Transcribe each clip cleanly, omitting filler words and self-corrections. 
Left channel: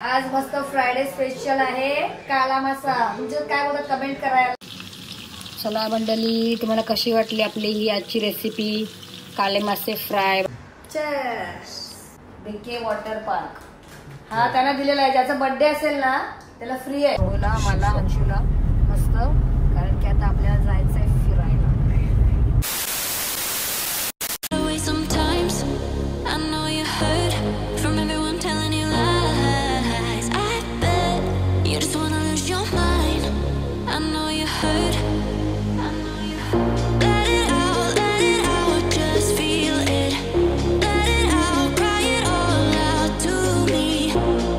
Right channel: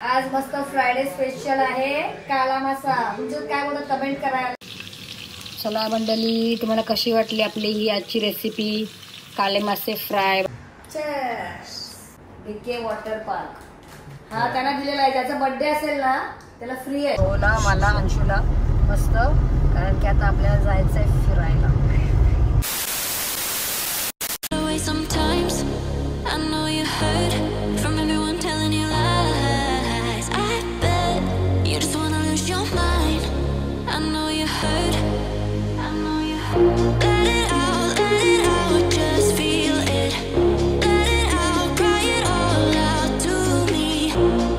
आज मस्त Friday special आहे काला मासा. तुमचं काय बोलतात कमेंट करायला. चला मंडळी, तुम्हाला कशी वाटली आपली ही आजची रेसिपी काले मासे फ्राय. बीके वॉटर पार्क हा त्यांना दिलेला आहे. ज्याचा बर्थडे असेल ना त्याला फ्री आहे. ओला मला अंशूला मस्त, कारण की आता आपल्याला जायचंय फिरायला. Sometimes I know you heard from everyone telling you lies. I bet you just wanna lose your mind. I know you heard. I know you heard. Let it out, just feel it. Let it out, cry it all out to me.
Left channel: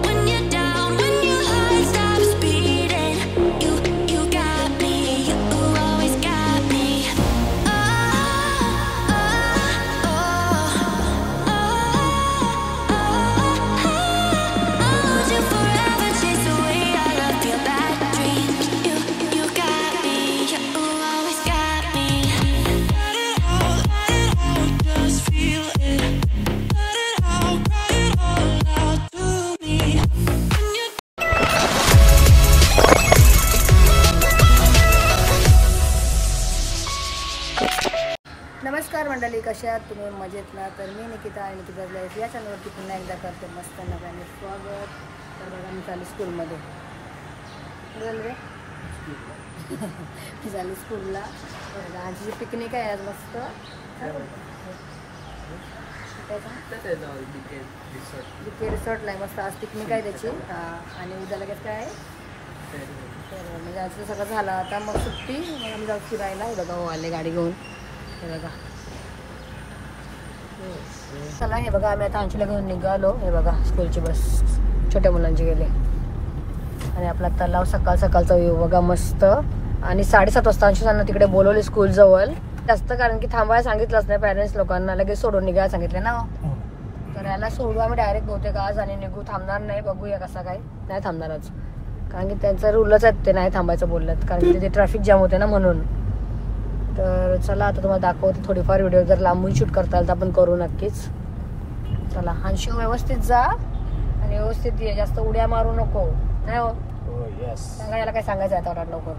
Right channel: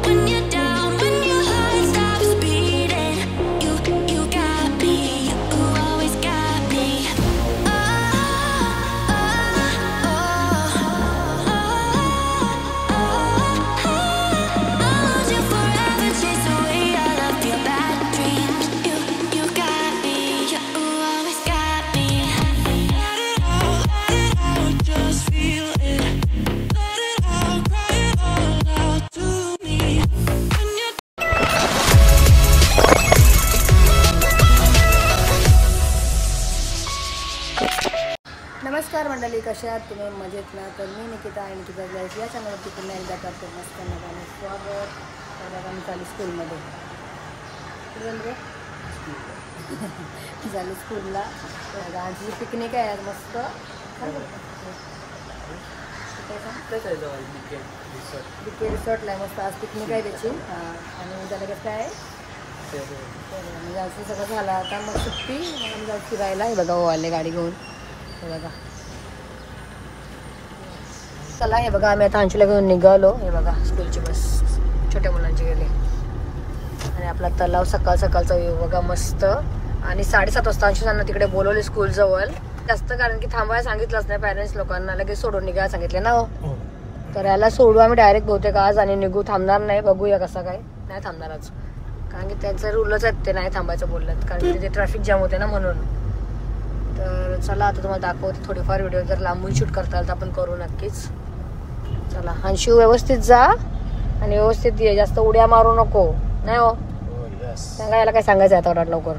When you're down, when your heart stops beating, you got me, you always got me. नमस्कार मंडळी, कशा आहात तुम्ही? मजेत ना? तर मी निकिता आणि Nikita blogs या चॅनलवरती पुन्हा एकदा करते मस्त नव्याने स्वागत. तर बघा मी चालली स्कूलमध्ये. कुठे झाली रे? झाली स्कूलला. बघा आजची पिकनिक आहे आज मस्त. काय बीके रिसॉर्टला आहे मस्त. आज पिकनिक आहे त्याची. हां, आणि उद्या लगेच काय आहे तर म्हणजे आज सगळं झालं आता मग सुट्टी. मग आम्ही जाऊ फिरायला. हे बघा हो आले गाडी घेऊन. हे बघा चला. हे बघा आम्ही आता अंशूला घेऊन निघालो. हे बघा स्कूलची बस छोट्या मुलांची गेले. आणि आपला तलाव सकाळ सकाळचा व्ह्यू बघा मस्त. आणि 7:30 वाजता अंशूला तिकडे बोलवले स्कूलजवळ जास्त, कारण की थांबायला सांगितलंच नाही पॅरेंट्स लोकांना. लगेच सोडून निघायला सांगितले ना हो. तर याला सोडू आम्ही डायरेक्ट बहुतेक आज आणि निघू. थांबणार नाही, बघूया कसं काय. नाही थांबणार आज, कारण की त्यांचं रूलच आहेत ते नाही थांबायचं बोललं, कारण की तिथे ट्रॅफिक जाम होते ना म्हणून. तर चला आता तुम्हाला दाखवते थोडीफार व्हिडिओ. जर लांबून शूट करता आलं तर आपण करू नक्कीच. चला अंशू व्यवस्थित जा आणि व्यवस्थित ये, जास्त उड्या मारू नको. नाही हो सांगा याला काय सांगायचं आहे आता लवकर.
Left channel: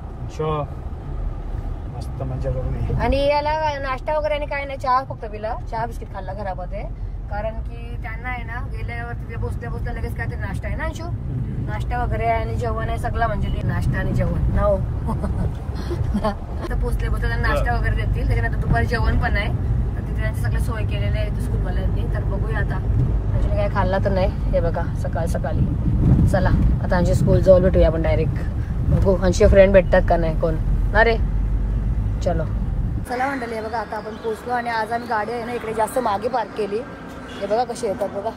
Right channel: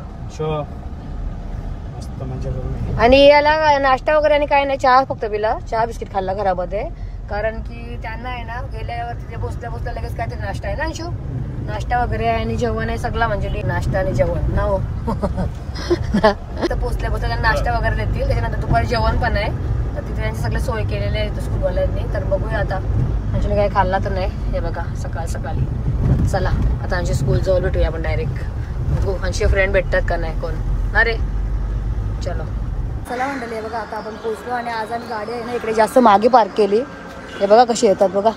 आणि याला नाश्ता वगैरे आणि काय नाही, चहा फक्त पिला. चहा बिस्किट खाल्ला घरामध्ये, कारण की त्यांना आहे ना गेल्यावर तिथे बसल्या लगेच काहीतरी नाश्ता आहे ना अंशू. नाश्ता वगैरे आहे आणि जेवण आहे सगळा, म्हणजे नाश्ता आणि जेवण ना हो. तर पोचल्या नाश्ता वगैरे देतील. त्याच्यानंतर दुपारी जेवण पण आहे. तर तिथे त्यांची सगळे सोय केलेली आहे स्कूलवाल्यांनी. तर बघूया आता. अंशूने काही खाल्ला तर नाही. हे बघा सकाळी. चला आता अंशू स्कूल जवळ भेटूया आपण डायरेक्ट. बघू अंशू फ्रेंड भेटतात का नाही कोण. अरे चलो चला मंडळी. हे बघा आता आपण पोचलो. आणि आज आम्ही गाडी आहे ना इकडे जास्त मागे पार्क केली. हे बघा कशी येतात बघा,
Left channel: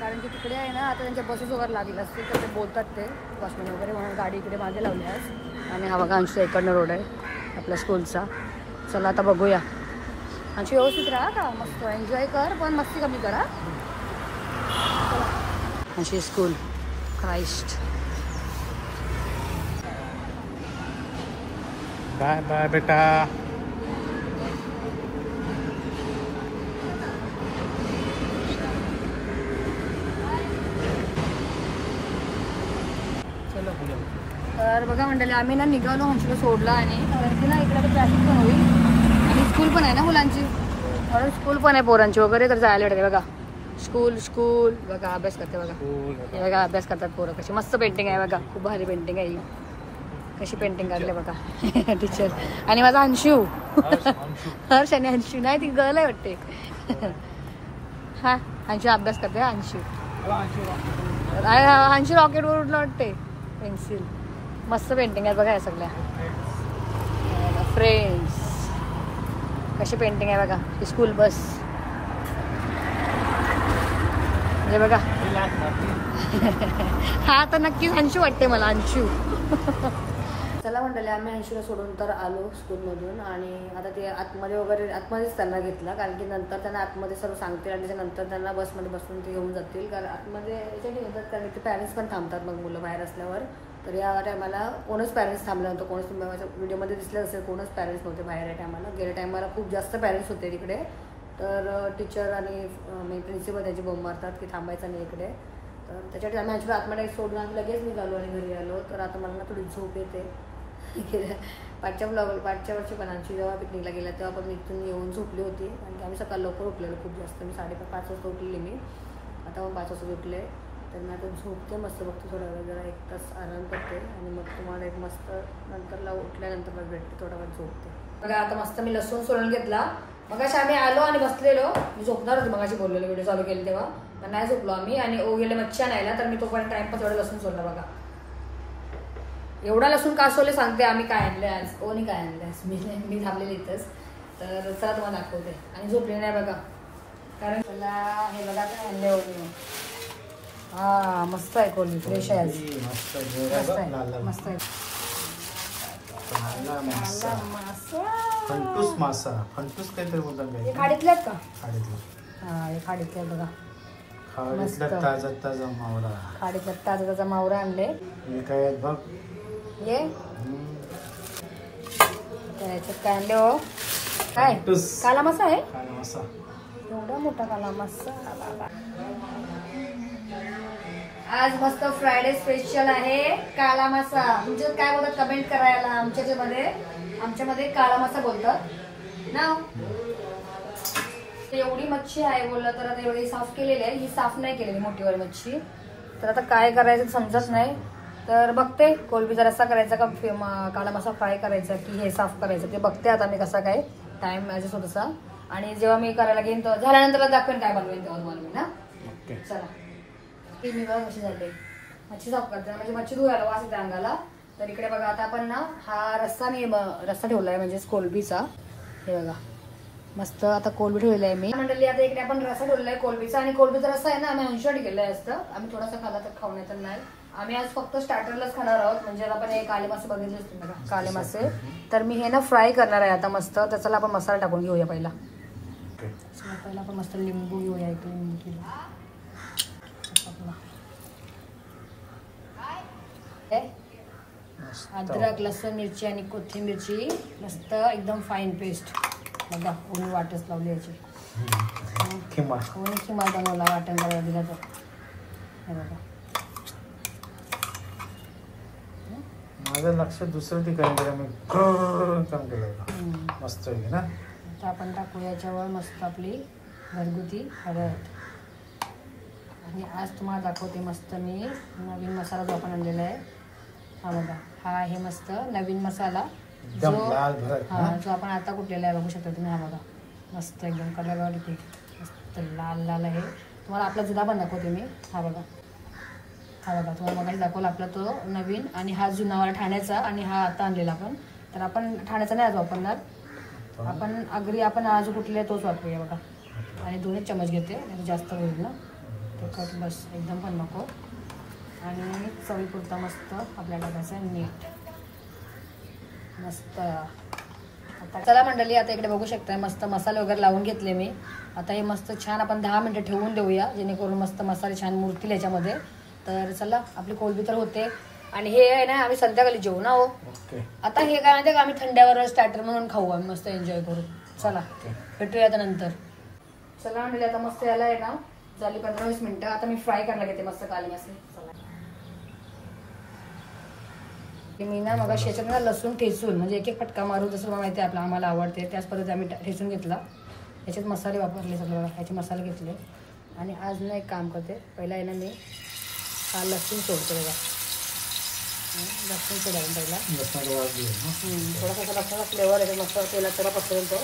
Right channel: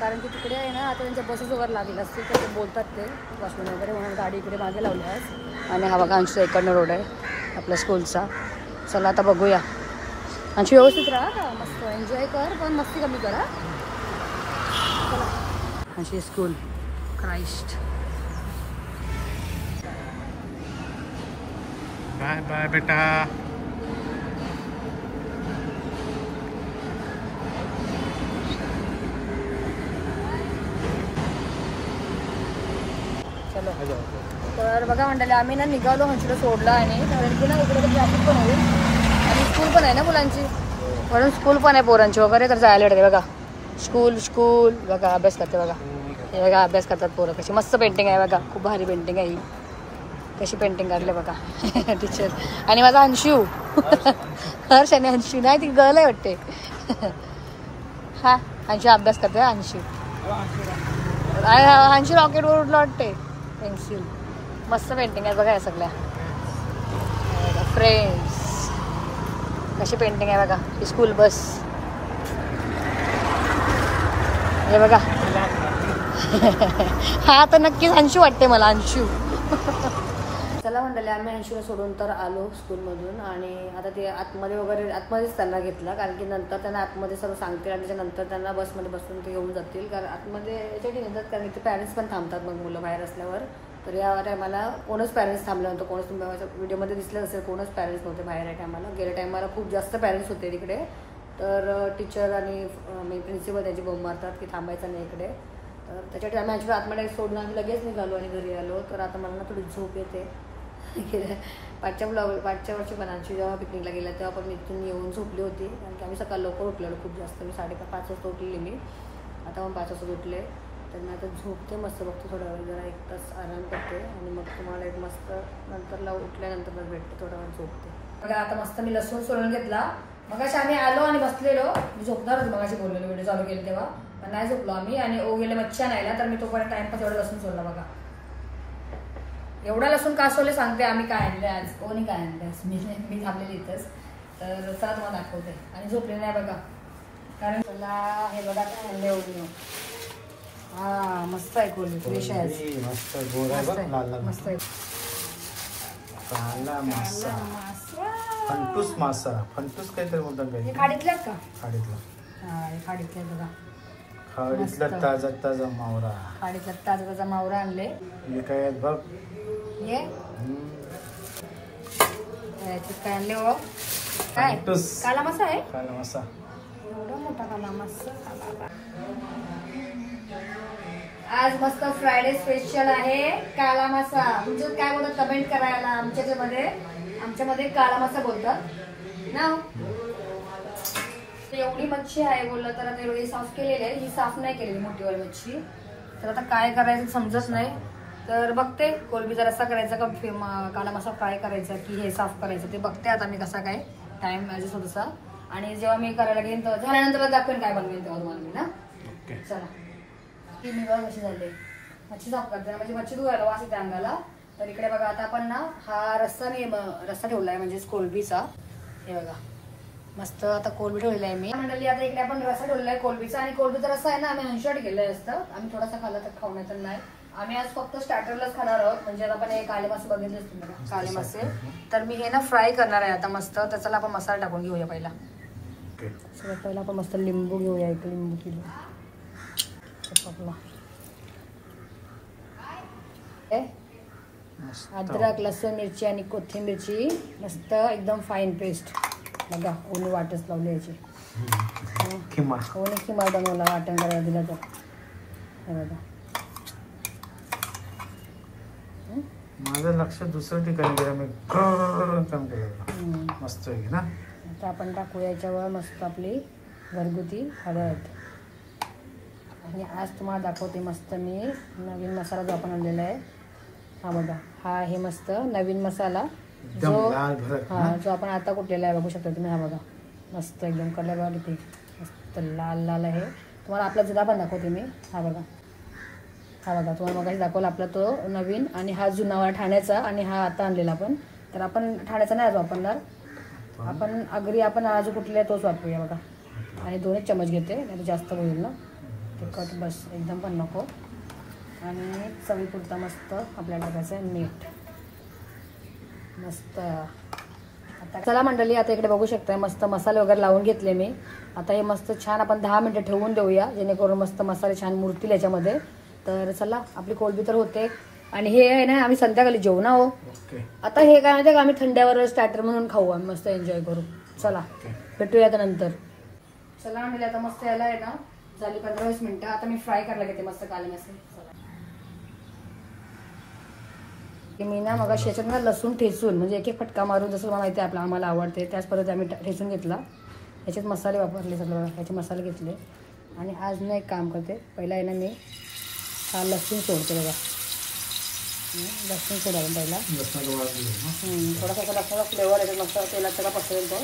कारण की तिकडे आहे ना आता त्यांच्या बसेस वगैरे लागेल असतील तर ते बोलतात ते वॉचमॅन वगैरे, म्हणून गाडी इकडे मागे लावली आज. आणि हा बघा अंशूचा इकडनं रोड आहे आपल्या स्कूलचा. चला आता बघूया. अंशू व्यवस्थित राहा का, मस्त एन्जॉय कर, पण मस्ती कमी करा. चला Anshu school Christ. Bye bye बेटा. चलो. तर बघा मंडळी आम्ही ना निघालो अंशूला सोडला. आणि कारण की ना इकडे तर ट्रॅफिक पण होईल आणि स्कूल पण आहे ना मुलांची, म्हणून स्कूल पण आहे पोरांची वगैरे. तर जायला येते बघा स्कूल बघा. अभ्यास करते बघा. हे बघा अभ्यास करतात पोरं. कशी मस्त पेंटिंग आहे बघा, खूप भारी पेंटिंग आहे ही. कशी पेंटिंग काढले बघा टीचर. आणि माझा अंशू हर्ष आणि अंशू नाही, ती गर्ल आहे वाटते. हा अंशू अभ्यास करते. अंशू रॉकेटवर उडलं वाटते. पेन्सिल मस्त पेंटिंग आहे बघा या सगळ्या. फ्रेंड्स कशी पेंटिंग आहे बघा. ही स्कूल बस हे बघा. हा तर नक्कीच अंशू वाटते मला, अंशू. चला मंडळी आम्ही अंशूला सोडून तर आलो स्कूलमधून. आणि आता ते आतमध्येच त्यांना घेतला, कारण की नंतर त्यांना आतमध्ये सर्व सांगतील आणि त्याच्यानंतर त्यांना बसमध्ये बसून ते घेऊन जातील. कारण आतमध्ये याच्यासाठी घेतात कारण की पॅरेंट्स पण थांबतात मग मुलं बाहेर असल्यावर. तर या टायमाला कोणच पॅरेंट्स थांबलं नव्हतं. कोणच तुम्ही व्हिडिओमध्ये दिसलं असेल, कोणच पॅरेंट्स नव्हते बाहेर या टायमाला. गेल्या टायमाला खूप जास्त पॅरेंट्स होते तिकडे. तर टीचर आणि प्रिन्सिपल त्याची बोंब मारतात की थांबायचं नाही इकडे. तर त्याच्यासाठी आम्ही ॲक्च्युली आतमध्ये सोडून आम्ही लगेच निघालो आणि घरी आलो. तर आता मला ना थोडी झोप येते. पाठच्या वर्षी पणांची जेव्हा पिकनिकला गेल्या तेव्हा पण मी इथून येऊन झोपली होती, कारण की आम्ही सकाळ लवकर उठलेलो खूप जास्त. मी 5:30 वाजता उठलेली मी, आता मग 5 वाजता उठले. तर मी आता झोपते मस्त, बघते थोडा वेळ, जरा 1 तास आराम करते आणि मग तुम्हाला एक मस्त नंतरला उठल्यानंतर मग भेटते, थोडा वेळ झोपते. बघा आता मस्त मी लसूण सोलून घेतला. मगाशी आम्ही आलो आणि बसलेलो, मी झोपणार होती मगाशी बोललेलो, व्हिडिओ चालू केली तेव्हा, पण नाही झोपलो आम्ही. आणि ओ गेले मच्छी आणायला, तर मी तोपर्यंत टाइमपास एवढं लसूण सोडला. बघा एवढा लसूण का सोले सांगते आम्ही काय आणले आज. ओनी काय आणले आज, मी थांबलेली इथंच. तर चला तुम्हाला दाखवते. आणि झोपले नाही बघा, कारण मला हे बघा काय आणले ओनी. हा मस्त आहे, कोल्ड फ्रेश आहे, मस्त गोड आहे बघ, लाल लाल मस्त आहे. काला मासा, फंटूस मासा, फंटूस काहीतरी बोलतात काय, खाडीतल्यात का? खाडीतला. हा हे खाडीतल्या बघा, खाडीतला ताजा ताजा मावरा. खाडीतला ताजा ताजा मावरा आणले. हे काय आहेत बघ, हे काय आणले हो, काय फंटूस काला मासा आहे. काला मासा, एवढा मोठा काला मासा. आज मस्त फ्रायडे स्पेशल आहे काला मासा. तुमच्यात काय बोलतात कमेंट करायला. आमच्यामध्ये काला मासा बोलतात ना. एवढी मच्छी आहे बोललं तर आता एवढी साफ केलेली आहे, ही साफ नाही केलेली मोठीवाली मच्छी. तर आता काय करायचं समजत नाही. तर बघते कोलंबीचा रस्सा करायचा का काला मासा फ्राय करायचा की हे साफ करायचं ते बघते आता मी. कसा काय टाइम माझ्या थोडासा, आणि जेव्हा मी करायला घेईन तर झाल्यानंतर दाखवेन काय बनवेन तेव्हा तुम्हाला मी ना. चला ती निवड कशी झाली, मच्छी साफ करते म्हणजे मच्छी धुवायला वास येते अंगाला. तर इकडे बघा आता आपण ना हा रस्सा ठेवलाय म्हणजे कोलंबीचा. हे बघा मस्त आता कोलंबी ठेवली आहे मी मंडळी. आता इकडे आपण रस्सा ठेवलेला आहे कोलंबीचा. आणि कोलंबीचा रस्सा आहे ना आम्ही 80 केलेला असतं. आम्ही थोडासा खाल्ला तर खाऊन येत नाही. आम्ही आज फक्त स्टार्टरलाच खाणार आहोत. म्हणजे आता आपण हे काळे मासे बघितले असतील बघा, काळे मासे. तर मी हे ना फ्राय करणार आहे आता मस्त. त्याच्याला आपण मसाला टाकून घेऊया पहिला. पहिला आपण मस्त लिंबू घेऊया, एक लिंबू किलो अद्रक लसूण मिरची आणि कोथिंबीरची मस्त एकदम फाईन पेस्ट. बघा ओली वाटच लावली याची, ओली किमा बनवला वाटण करायला दिला तर. हे बघा माझं लक्ष दुसरं ठिकाणी गेलं, मी काम केलं मस्त आहे ना. आता आपण टाकूया याच्यावर मस्त आपली घरगुती हळद. आणि आज तुम्हाला दाखवते मस्त मी नवीन मसाला जो आपण आणलेला आहे. हा बघा हा आहे मस्त नवीन मसाला जो आपण आता कुठलेला आहे बघू शकता तुम्ही. हा बघा मस्त एकदम कलर वाली मस्त लाल लाल आहे. तुम्हाला आपला जुना पण दाखवते मी. हा बघा तुम्हाला मगाशी दाखवला आपला तो नवीन, आणि हा जुना ठाण्याचा, आणि हा आता आणलेला आपण. तर आपण ठाण्याचा नाही आज वापरणार, आपण आज कुठले तोच वापरूया. बघा आणि 2 चमच घेते, जास्त होईल ना तिखट, बस एकदम पण नको. आणि चवीपुरता मस्त आपल्याला टाकायचं मीठ मस्त. आता चला मंडळी आता इकडे बघू शकता मस्त मसाले वगैरे लावून घेतले मी. आता हे मस्त छान आपण 10 मिनिटं ठेवून देऊया, जेणेकरून मस्त मसाले छान मुरतील याच्यामध्ये. तर चला आपली कोलंबी तर होते. आणि हे आहे ना आम्ही संध्याकाळी जेवण आहो. आता हे काय माहिती का, आम्ही थंड्यावर स्टार्टर म्हणून खाऊ, आम्ही मस्त एन्जॉय करू. चला भेटूया आता नंतर. चला म्हणजे आता मस्त यायला आहे ना झाली 15-20 मिनिटं. आता मी फ्राय करायला घेते मस्त काले मासे. मी ना मग याच्यात ना लसूण ठेचून म्हणजे एक फटका मारून, जसं मला माहिती आहे आम्हाला आवडते त्याच परत आम्ही ठेचून घेतला. याच्यात मसाले वापरले सगळं, ह्याचे मसाले घेतले. आणि आज ना एक काम करते, पहिला आहे ना मी हा लसूण सोडते बघा. लसूण सोडायला पहिला थोडासा लसणाचा फ्लेवर आहे मस्त तेलात थोडा पसरेल तो.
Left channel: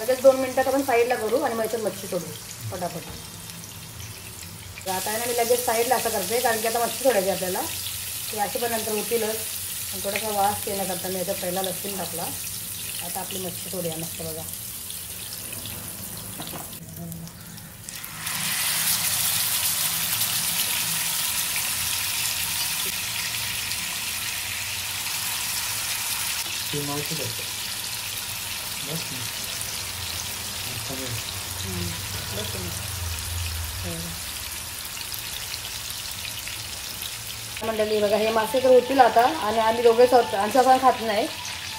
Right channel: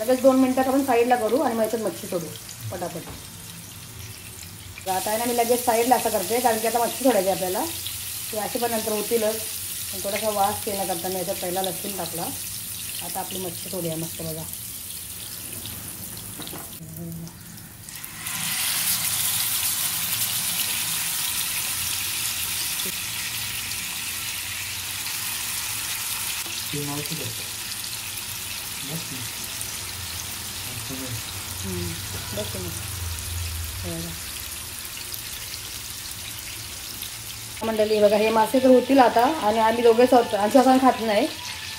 लगेच 2 मिनिटात आपण साईडला करू आणि मग याच्यात मच्छी सोडू पटापट. आता आहे ना मी लगेच साईडला असं करते, कारण की आता मच्छी सोडायची आपल्याला, ते अशी पण नंतर होतीलच. थोडासा वास येण्याकरता मी याच्यात पहिला लसूण टाकला. आता आपली मच्छी सोडूया मस्त बघा. मंडळी बघा हे मासे तर होतील आता. आणि आम्ही दोघेच आहोत, आमच्या खात नाही.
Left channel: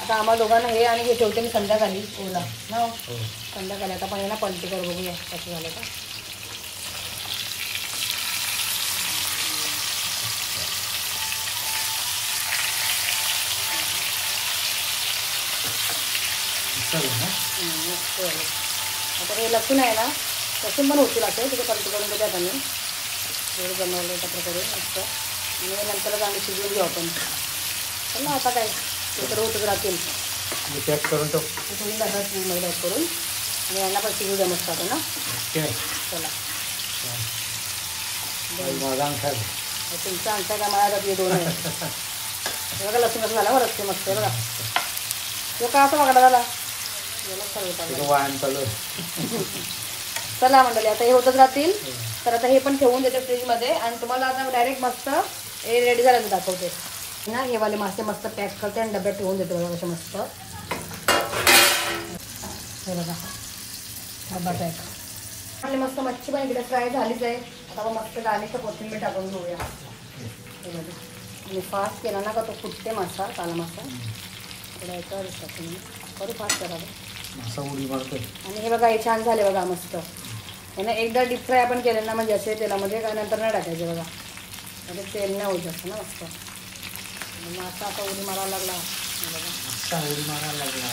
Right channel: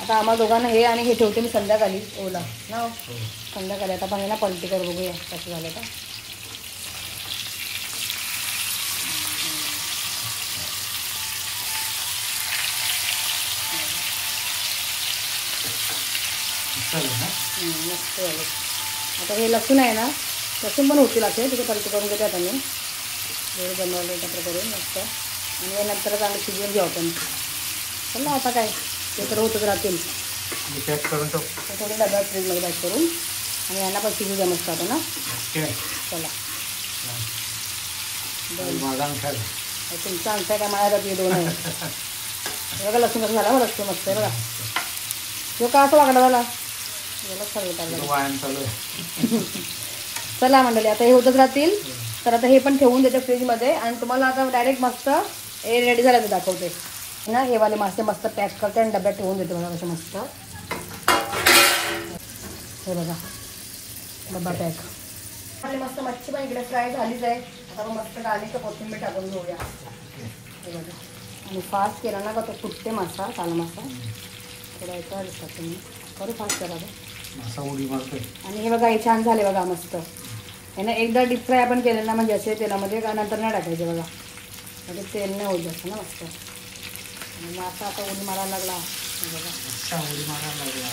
आता आम्हाला दोघांना हे आणि हे ठेवते मी संध्याकाळी ओला ना. संध्याकाळी आता पाण्याला पलटी कर बघूया कसं झालं का. आता हे लसूण आहे ना, लसूण पण होतील असे तिथे पलटी करून देते आता मी थोडी बनवलं एकत्र करून मस्त. आणि नंतरच आम्ही शिजवून घेऊ आपण. चल ना आता काय एकत्र होतं राहतील पॅक करून टाक. थोडी डब्यात फ्रीजमध्ये पॅक करून आणि यांना पण शिजू द्या मस्त ना. चला तुमचं आणताय का माझ्या मी 2 आहे बघा. लसूण कसं झालं लसूण मस्त आहे बघा. तो का असं वागला झाला व्यायाम चालू. चला मंडळी आता हे होतच राहतील. तर आता हे पण ठेवून देते फ्रीजमध्ये आणि तुम्हाला आता डायरेक्ट मस्त हे रेडी झालं दाखवते ना. हे वाले मासे मस्त पॅक करते आणि डब्यात ठेवून देते बघा असे मस्त. हे बघा डब्बा पॅक आणि मस्त मच्छी पण इकडे फ्राय झालीच आहे. आता आपण मस्त गार्लिक कोथिंबीर टाकून घेऊया. हे बघा आणि फास्ट केला ना का तो फुटते मासा काला मासा थोडं याच्यावर तुम्ही करू फास्ट करा मासा उडी मारतोय. आणि हे बघा हे छान झाले बघा मस्त. हे ना एकदा डीप फ्राय आपण केलं ना म्हणजे असे तेलामध्ये का नंतर नाही टाकायचे बघा म्हणजे तेल नाही होत जास्त ना मस्त. आणि मासा आता उडी मारायला लागला बघा. उडी मारायला लागला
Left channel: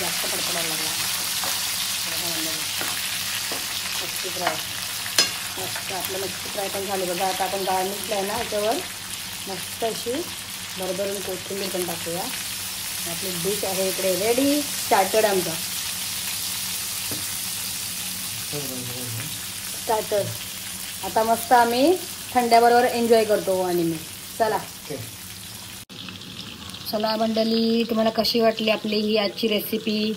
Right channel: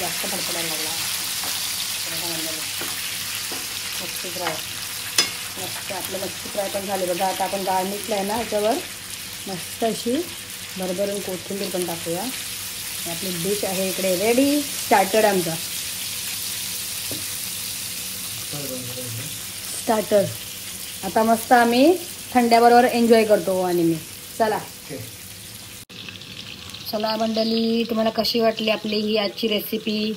जास्त पडपडायला लागला. मच्छी फ्राय मस्त आपलं मच्छी फ्राय पण झाले बघा. आता आपण गार्निशला आहे ना ह्याच्यावर मस्त अशी भरभरून कोथिंबीर पण टाकूया. आपली डिश आहे इकडे रेडी स्टार्टर आमचा. स्टार्टर आता मस्त आम्ही थंड्याबरोबर एन्जॉय करतो. आणि मी चला मंडळी तुम्हाला कशी वाटली आपली ही आजची रेसिपी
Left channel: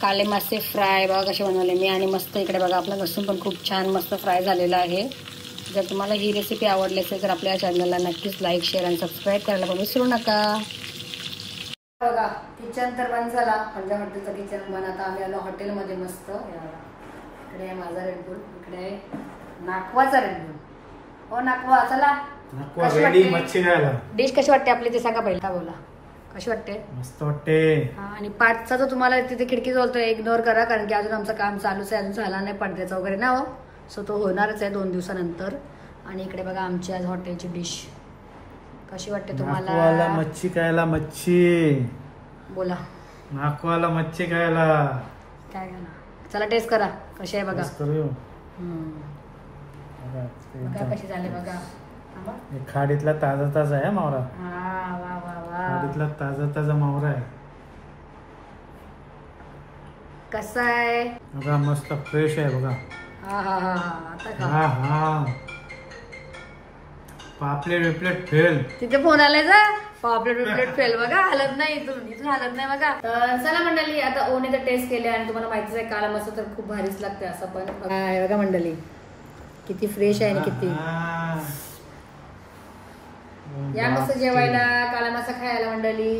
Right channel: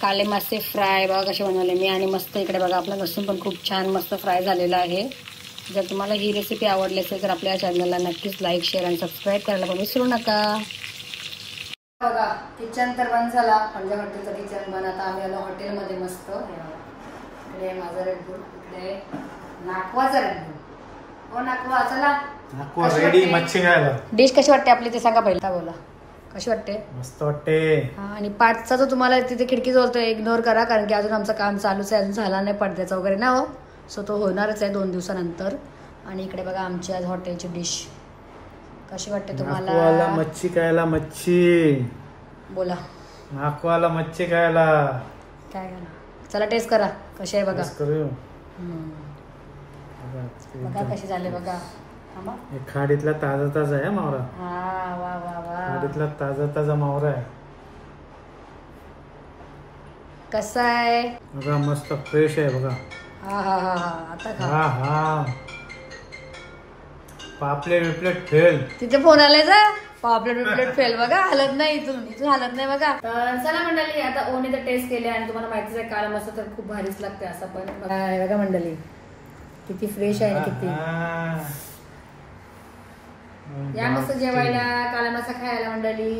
काले मासे फ्राय बघा कसे बनवले मी. आणि मस्त इकडे बघा आपला लसूण पण खूप छान मस्त फ्राय झालेला आहे. जर तुम्हाला ही रेसिपी आवडली असेल तर आपल्या चॅनलला नक्कीच लाईक शेअर आणि सबस्क्राईब करायला पण विसरू नका. बघा किचन तर बंद झाला म्हणजे हॉटेलचं किचन बंद. आता आम्ही आलो हॉटेलमध्ये मस्त. इकडे माझा रेडबुल इकडे नाकवाचा रेडबुल. हो नाकवा चला रेडी मच्छी खायला. डिश कशी वाटते आपली ते सांगा पहिला बोला कशी वाटते. मस्त वाटते. हा आणि पाठचा जो तुम्हाला तिथे खिडकी जवळ इग्नोर करा कारण की अजून आमचं काम चालूच आहे. अजून झाला नाही पडद्याचा वगैरे ना हो. सो तो होणारच आहे 2 दिवसानंतर. आणि इकडे बघा आमची आज हॉटेलची डिश कशी वाटते तुम्हाला. मच्छी खायला मच्छी बोला नाकवाला मच्छी खायला काय का ना. चला टेस्ट करा कशी आहे बघा. बघा कशी झाली बघा. खाडीतला ताजा ताजा आहे मावरा. हा वा वा वा खाडीतला ताजा ताजा मावरा आहे. कसा आहे बघा मस्त फ्रेश आहे बघा. हा हा हा हा आता खा. हा हा पापलेट बिपलेट फेल. तिथे फोन आलाय जा पापलेट फेल बघा. हलत नाही इथून हलत नाही बघा. तर चला मंडळी आता ओने तर टेस्ट केले आणि तुम्हाला माहितीच आहे काला मस्त तर खूप भारीच लागते असं पण बघा मंडळी किती फ्रेश आहे किती. या मस्त जेवायला काला मासा खायला मंडळी.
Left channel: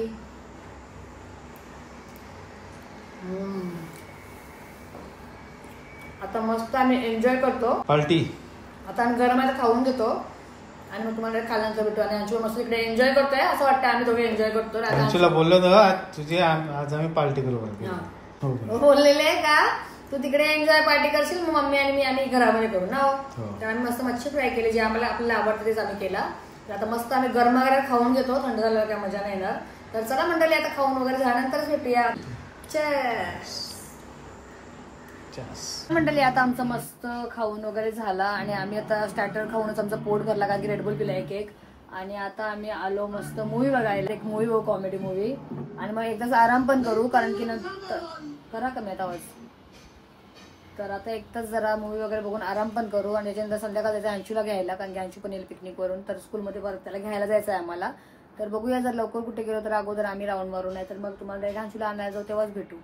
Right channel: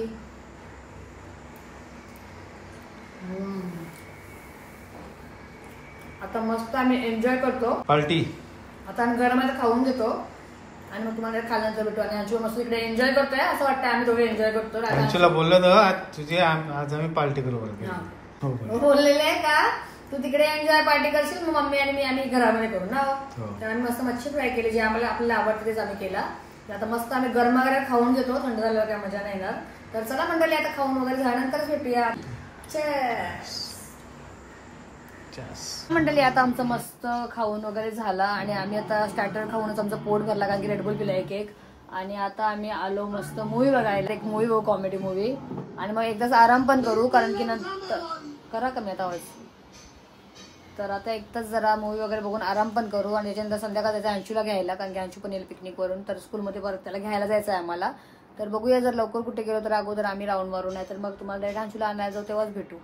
आता मस्त आम्ही एन्जॉय करतो पार्टी. आता आम्ही गरम आहे खाऊन घेतो आणि मग तुम्हाला खाल्यानंतर भेटू. आणि अंशू मस्त इकडे एन्जॉय करतोय असं वाटतं आम्ही दोघे एन्जॉय करतो. अंशूला बोललो ना तुझे आज आम्ही पार्टी करू बोललेले आहे का तू तिकडे एन्जॉय पार्टी करशील मग मम्मी आणि मी आम्ही घरामध्ये करू ना. तर आम्ही मस्त मच्छी फ्राय केली जे आम्हाला आपल्याला आवडतं तेच आम्ही केला. आता मस्त आम्ही गरम वगैरे खाऊन घेतो. थंड झाल्यावर काय मजा नाही येणार. तर चला मंडळी आता खाऊन वगैरे झाल्यानंतरच भेटूया. मंडळी आता आमचं मस्त खाऊन वगैरे झाला आणि आम्ही आता स्टार्टर खाऊनच आमचं पोट भरला कारण की रेडबुल पिला एक. आणि आता आम्ही आलो मस्त मूवी बघायला. एक मूवी बघू कॉमेडी मूवी आणि मग एकदाच आराम पण करू कारण की नंतर करा कमी आता आवाज. तर आता एक तास जरा मूवी वगैरे बघून आराम पण करू आणि त्याच्यानंतर संध्याकाळ जायचं अंशूला घ्यायला कारण की अंशू पण येईल पिकनिकवरून. तर स्कूलमध्ये परत त्याला घ्यायला जायचं आहे आम्हाला. तर बघूया जर लवकर कुठे गेलो तर अगोदर आम्ही राऊंड मारू नाही तर मग तुम्हाला डायरेक्ट अंशूला आणायला जाऊ तेव्हाच भेटू.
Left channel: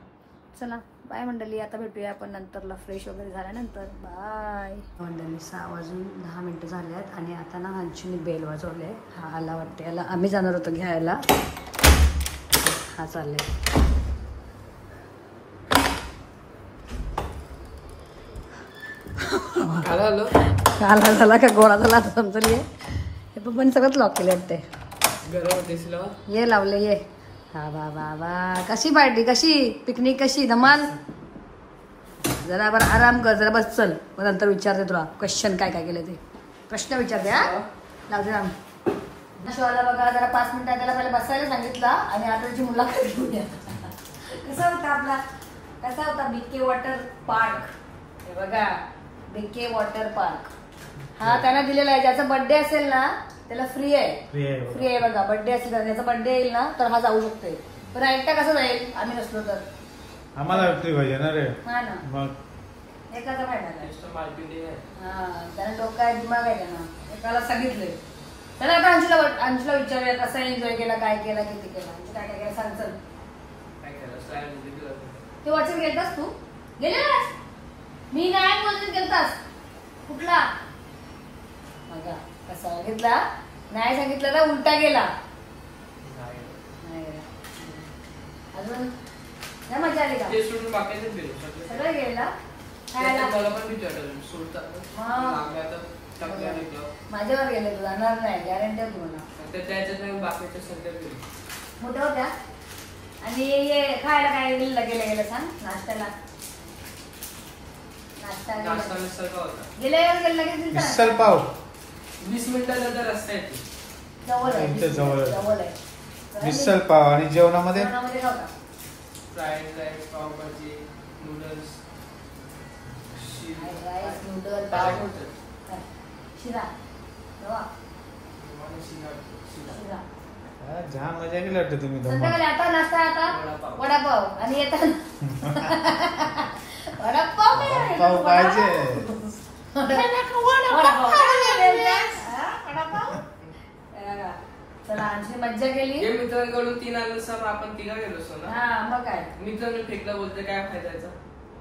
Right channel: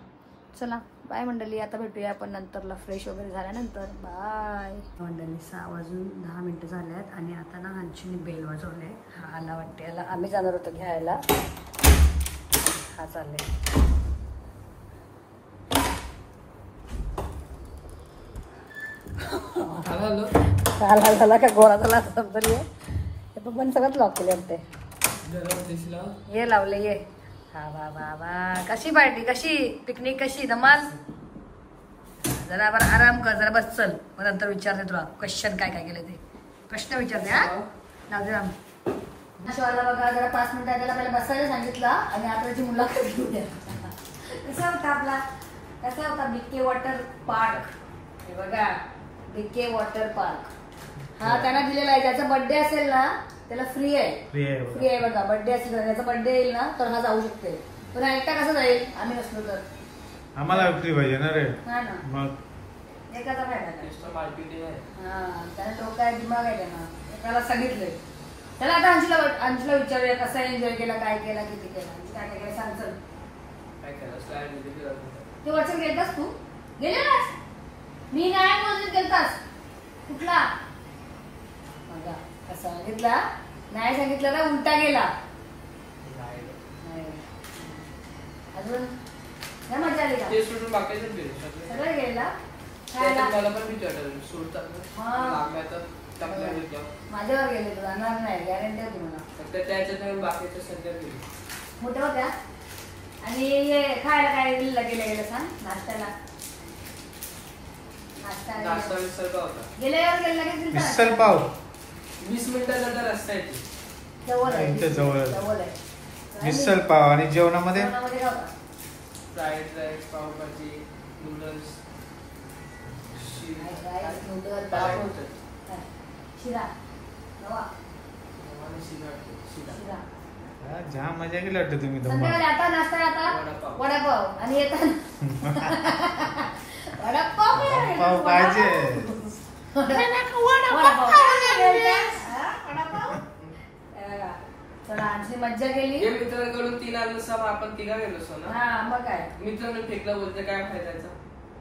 चला बाय मंडळी आता भेटूया आपण नंतरला फ्रेश वगैरे झाल्यानंतर. बाय मंडळी 6 वाजून 10 मिनिटं झाले आहेत आणि आता ना अंशूने बेल वाजवले. हा आला वाटते याला आम्ही जाणार होतो घ्यायला. हा चालले आला का गोळा झाला समजली पण सगळंच लॉक केले वाटते. ये लावले ये. वा वा वा. कशी पार्टी, कशी पिकनिक, कशी धमाल. जरा बरं आराम कर, जरा बस चल. मग नंतर विचारते तुला क्वेश्चन काय काय केलं ते. प्रश्न विचारते. हा लावते राम. शिवाला बघा जरा 5 मिनिटं त्याला पहिले बसायला सांगितलं आणि आता त्याची मुलाखत घेऊया. कसा होता आपला, कसा होता बीके वॉटर पार्क. हे बघा बीके वॉटर पार्क. हा त्यांना दिलेला आहे. ज्याचा बर्थडे असेल ना त्याला फ्री आहे. फ्री आहे बघा. बर्थडे असेल तर ज्याचा बर्थडे येईल ना तर हा जाऊ शकते. पण एकटा कसं जाईल आम्ही नसलो तर. आम्हाला फ्री पाहिजे ना रे. हा ना मग एकाचा फायदा नाही. हा त्याला डोका आहे, दिमाग आहे त्यांना. एकाला सांगितलंय. चला आता अंशूला विचारूया कसा एन्जॉय केला, काय केला, किती केला, काय काय केलं सांग. चल ते वॉटर गेलतास तू? गेलेलास? मी नाही बोलत गेलतास. कुठला बघा कसा सांगितला. नाही सांगितलं ना उलटा गेला. अजून काय मजा आली का? सगळं गेला माझ्यावर गेले तू जाणार नाही गॅरंटी आहे तुम्हाला. मोठ्या होत्या. आणि हे खायला काय गेलं सांग. नाश्त्याला गेल्यावर गेलं लगेच मिसल पाव 20 मिनिटाचा रस्ता आहे. जवळ आहे. जवळ आहे मिसल पाव. आणि जेवणामध्ये fried rice, pav bhaji, noodles, noodle, शिरा, जाम मजा केली वाटतं तुम्ही. संध्याकाळी आता नाश्ता, आता वडापाव. आणि येतात वडापाव पाहिजे. चला आणखी मज्जा केली. मित्रांकडून 3 अनुसार आपण 3 गेलो असतो ना. हा मग काय मित्रांनी फेकला बोलते काय फायदाचा.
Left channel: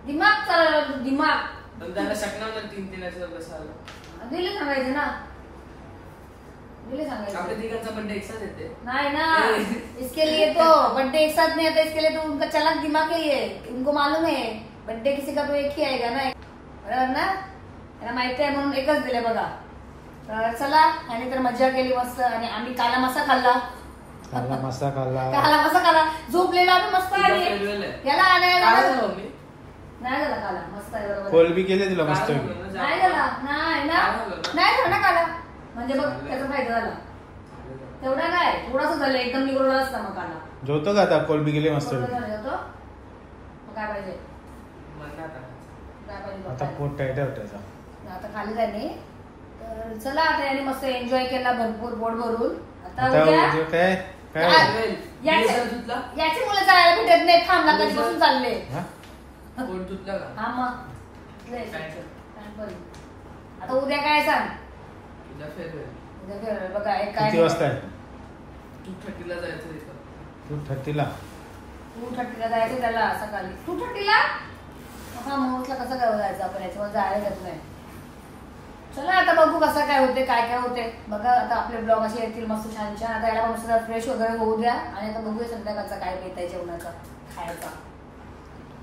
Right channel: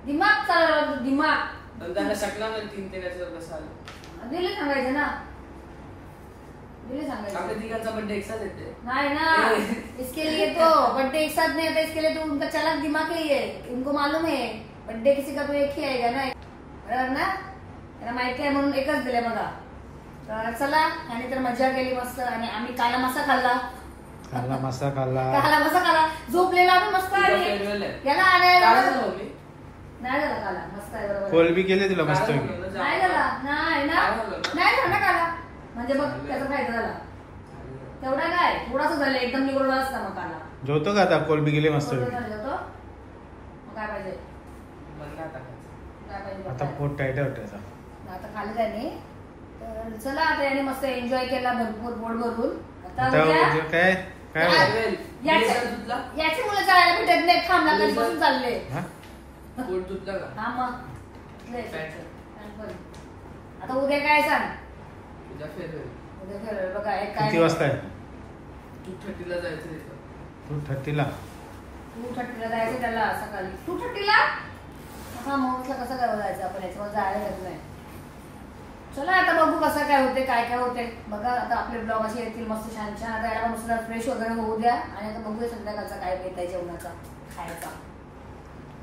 दिमाग चालला दिमाग. पण त्यांना शकणार नाही 3 कसं आलं. दिले सांगायचं ना. दिले सांगायचं. आपल्या तिघांचा बर्थडे एक साथ येते. नहीं ना इसके लिए तो बर्थडे एक साथ नहीं होता. इसके लिए तो उनका चालाक दिमाग ही है. उनको मालूम है बर्थडे किसी का तो एक ही आएगा ना. बरोबर ना. त्यांना माहिती आहे म्हणून एकच दिले बघा. तर चला आणि तर मजा केली मस्त. आणि आम्ही काला मासा खाल्ला. काला मासा खाल्ला. झोपलेला पण मस्त आहे. याला आणायला नाही झाला काला. मस्त आहे बरोबर. कोलबी केले तिला मस्त. नाही झाला. नाही ना काला. म्हणजे बघ त्याचा फायदा झाला. तेवढा काय थोडासा झालं. एकदम निघून असता मग काला. जेवतो का आता? कोलबी गेले मस्त. मग काय पाहिजे आता पोट टाईट आहे त्याचा. आता खाली त्याने. तर चला आता याने मस्त एन्जॉय केला भरपूर पोट भरून. आता काय काय याची मुलं जायला भेटत नाही. थांबला कधीपासून चालले. पोट धुतला का? हा मग आता उद्या काय सांग. उद्या फेअरवेल बघा. किती वाजता आहे? 2:30 जायचं तिथं. 2:30 2:30 जायचं त्याला सकाळी. 2:30 हा मोठला कसं काय जायचं आपण. याच्यावर जायला जात नाही. चला आता बघू कसं काय होते, काय काय होते बघा. आता आपले ब्लॉग असे येतील मस्त छान छान. आता याला मस्त फ्रेश वगैरे होऊ द्या. आणि आता बघूया संध्याकाळचा काय बेत आहे जेवणाचा खायचा.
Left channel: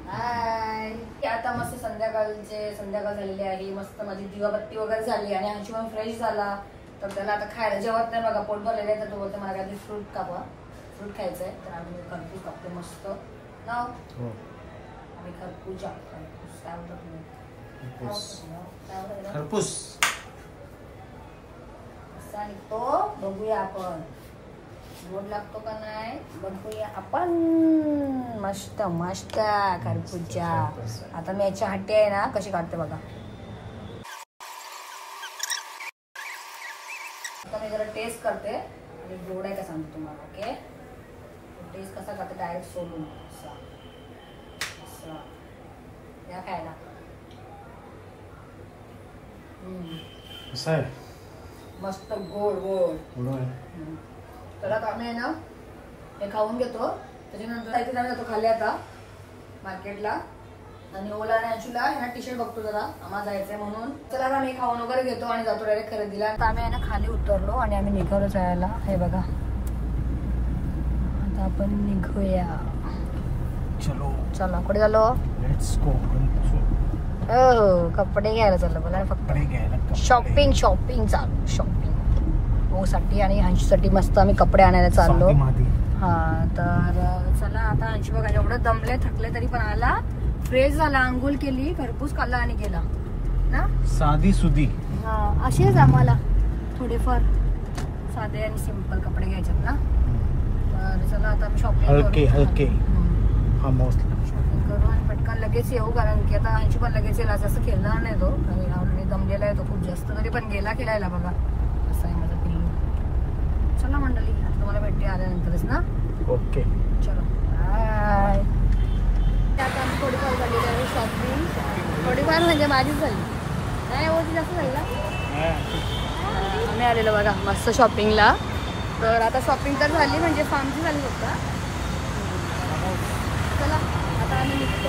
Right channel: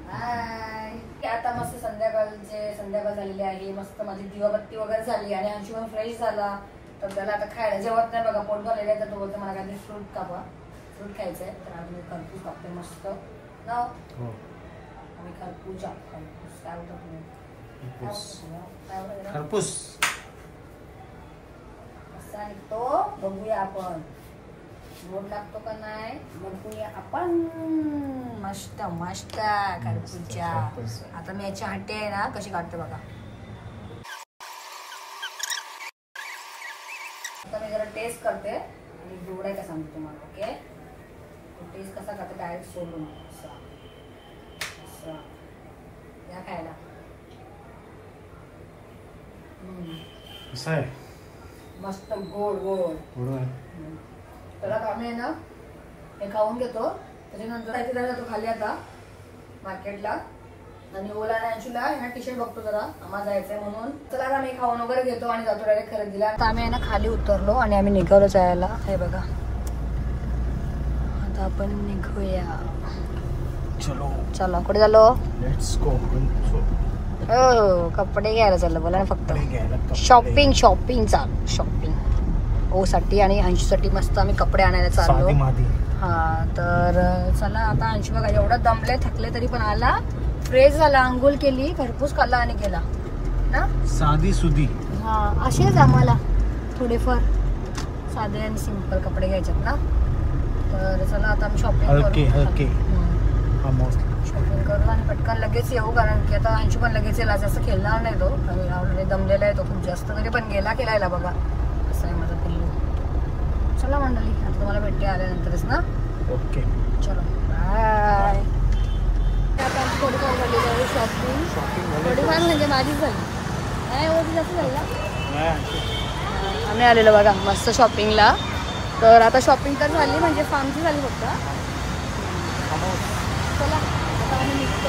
बाय. आता मस्त संध्याकाळ झालेली आहे. मस्त माझी दिवाबत्ती वगैरे झाली आणि अंशू पण फ्रेश झाला. तर त्याला आता खायला जेवत नाही बघा. पोट भरलेलं आहे. तर तो बोलतो मला काहीतरी फ्रूट कापा. फ्रूट खायचं आहे. तर आम्ही खरपूस कापते मस्त नाव. आम्ही खरपूस काय होतं तुम्ही खरपूस असा निघतो. बघूया आपण गोड लागतो का नाही बघूया आपण. मस्त मस्त खरपूसच्या. आता मी याची हट्टी आहे ना कशी काढते बघा. आता मी जरा टेस्ट करते आणि गोड आहे का सांगतो तुम्हाला. ओके टेस्ट कसा करते डायरेक्ट सोडून या खायला. असं आहे मस्त गोड गोड. त्याला आम्ही आहे ना हे खाऊन घेतो. त्याच्यानंतर काहीतरी जाऊया तो खाली आता मार्केटला. आणि ओला आणि अंशूला ह्या टी शर्ट बघतो जरा आम्हाला जायचंय म्हणून. चला आता मी खाऊन वगैरे घेतो आणि जातो डायरेक्ट खरेदीला. आता आम्ही आहे ना खाली उतरलो आणि आम्ही निघालो जायला. हे बघा आता आपण निघूया. चला कुठे झालो. हो कपडे घ्यायला चाललो बोला फक्त. शॉपिंग चालू शॉपिंग. ओसाठी आणि अंशूसाठी मस्त आम्ही कपडे आणायला चाललो. साधी मादी. हा तर चला आता अंशू बघा एवढं दमले थकले तरी पण आला, फ्रेश झाला, आंघोळ केली, खरपूस खाल्ला आणि गेला ना. साधी सुधी. हा असेच आम्हाला थोडेफार साधे आणि सिंपल कपडे घ्यायचे ना. तर चला आता आम्ही शॉपिंग हलके करू. हलके. शॉपिंग करू आणि पटकन लगेच येऊ, कारण की आता अंशू पण लगेच येईल. जास्त खेळणार नाही तो, आणि ऑलरेडी दमलेला आहे तो खूप जास्त, तरी पण गेला खेळायला बघा. असं आहे माझा पिल्लू. चला मंडळी आता तुम्हाला भेटते आल्यानंतरच ना. ओके चलो बाय. आता आमची थोडीफार झालेली आहे शॉपिंग. थोडीफार म्हणजे माझीच झाली नाही, ओटी जास्त झाली ना. आम्ही आलेलो बघा मस्त शॉपिंगला. तर आता शॉपिंग तर झाली, म्हणजे फार्मची झाली फक्त. चला आता आम्ही निघतो.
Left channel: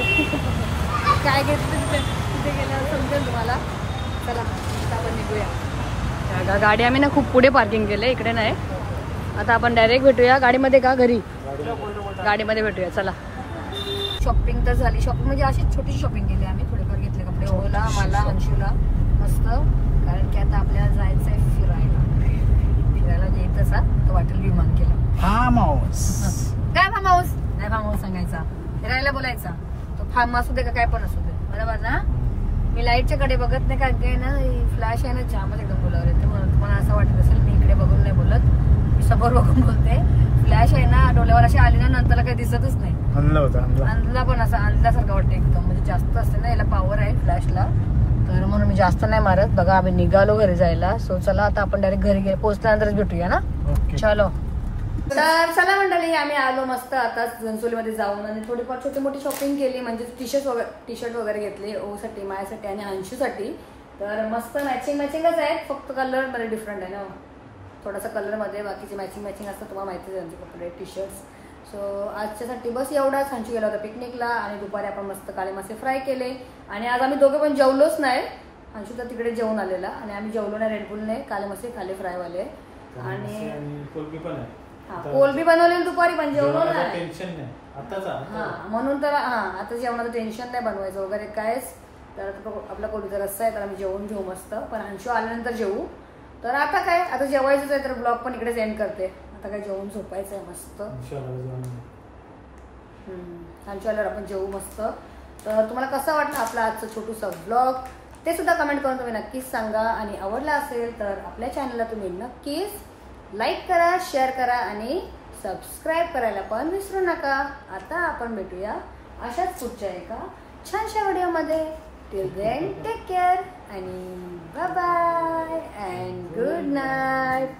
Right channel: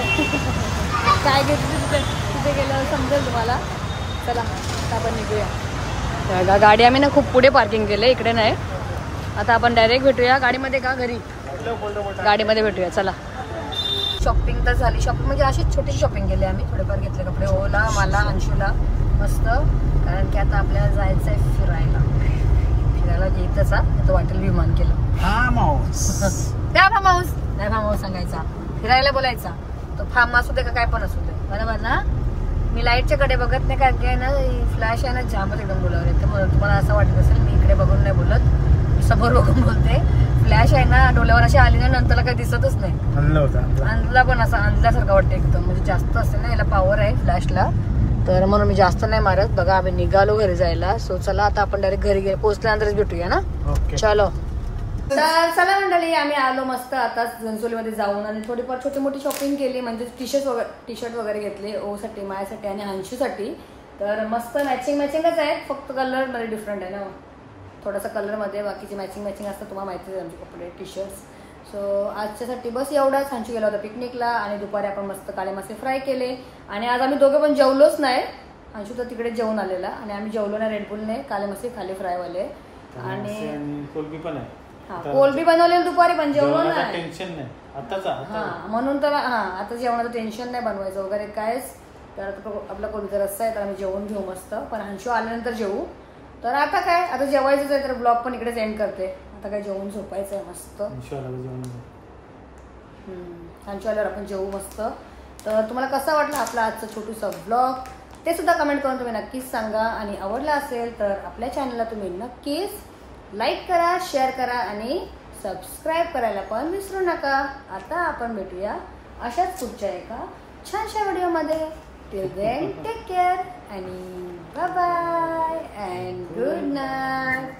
काय घेतलं तिथे तिथे गेल्यावर समजेल तुम्हाला. चला आता आपण निघूया. गाडी आम्ही ना खूप पुढे पार्किंग केलं, इकडे नाही. आता आपण डायरेक्ट भेटूया गाडीमध्ये का घरी, गाडीमध्ये भेटूया. चला शॉपिंग तर झाली. शॉपिंग म्हणजे अशीच छोटी शॉपिंग केली आम्ही. थोडेफार घेतले कपडे ओला, मला, अंशूला मस्त, कारण की आता आपल्याला जायचं आहे फिरायला. फिरायला घेतच आता वाटेल विमान केलं. Farm house. फार्म हाऊस नाही, फार्म हाऊस सांगायचा, फिरायला बोलायचा. तो फार्म असू दे का काय पण असू दे, बरोबर ना. मी लाईटच्या कडे बघत नाही, कारण की ना फ्लॅश आहे ना जामच एकदम बोलावले. तर म्हणून तुम्हाला असं वाटत असेल मी इकडे बघून नाही बोलत, मी समोर बघून बोलते. फ्लॅश आहे ना डोळ्यावर अशी आली ना नंतरला काही दिसतच नाही. अंधला पण असं अंधल्यासारखं वाटतं एकदम, म्हणजे जास्त असते ना याला पावर आहे फ्लॅशला. तर म्हणून मी जास्त नाही मारत. बघा आम्ही निघालो घरी जायला. सो चला आता आपण डायरेक्ट घरी पोहोचल्यानंतरच भेटूया ना. चलो तर चला मंडळी आम्ही आलो मस्त आता घनसोलीमध्ये जाऊन, आणि थोडीफार छोटी मोठी शॉपिंग केली. म्हणजे टी शर्ट वगैरे घेतले ओसाठी, माझ्यासाठी आणि अंशूसाठी. तर मस्त मॅचिंगच आहेत, फक्त कलर मध्ये डिफरंट आहे ना थोडासा कलर मध्ये. बाकीचे मॅचिंग असतं, तुम्हाला माहितीच आहे आमचे कपडे टी शर्ट्स. सो आजच्यासाठी बस एवढाच. अंशू गेला होता पिकनिकला, आणि दुपारी आपण मस्त काळे मासे फ्राय केले. आणि आज आम्ही दोघे पण जेवलोच नाही. अंशू तर तिकडे जेवून आलेला, आणि आम्ही जेवलो नाही. रेडबुलने काळे मासे खाले फ्रायवाले. आणि कोलबी पण आहे. कोलबी बनवलेली दुपारी, पण जेवलो नाही. टेन्शन नाही आताचा. म्हणून तर आता जेवणाचं टेन्शन नाही बनवायचं वगैरे कायच. तर आता आपला कोलबीचा रस्सा आहे, तर आम्ही जेवून घेऊ मस्त. पण अंशू आल्यानंतर जेवू. तर आता काय, आता जेवायचंच आहे, तर ब्लॉग पण इकडेच एंड करते. आता काय जेवून झोपायचं आहे मस्त. अंशू आल्यावर आपण जेवू मस्त. तर तुम्हाला कसा वाटला आपला आजचा छोटूसा ब्लॉग ते सुद्धा कमेंट करून तुम्ही नक्कीच सांगा. आणि आवडला असेल तर आपल्या चॅनलला तुम्ही नक्कीच लाईक करा, शेअर करा आणि सबस्क्राईब करायला पण विसरू नका. आता आपण भेटूया अशाच पुढच्या एका छानशा व्हिडिओमध्ये. टिल देन टेक केअर आणि bye bye and good night.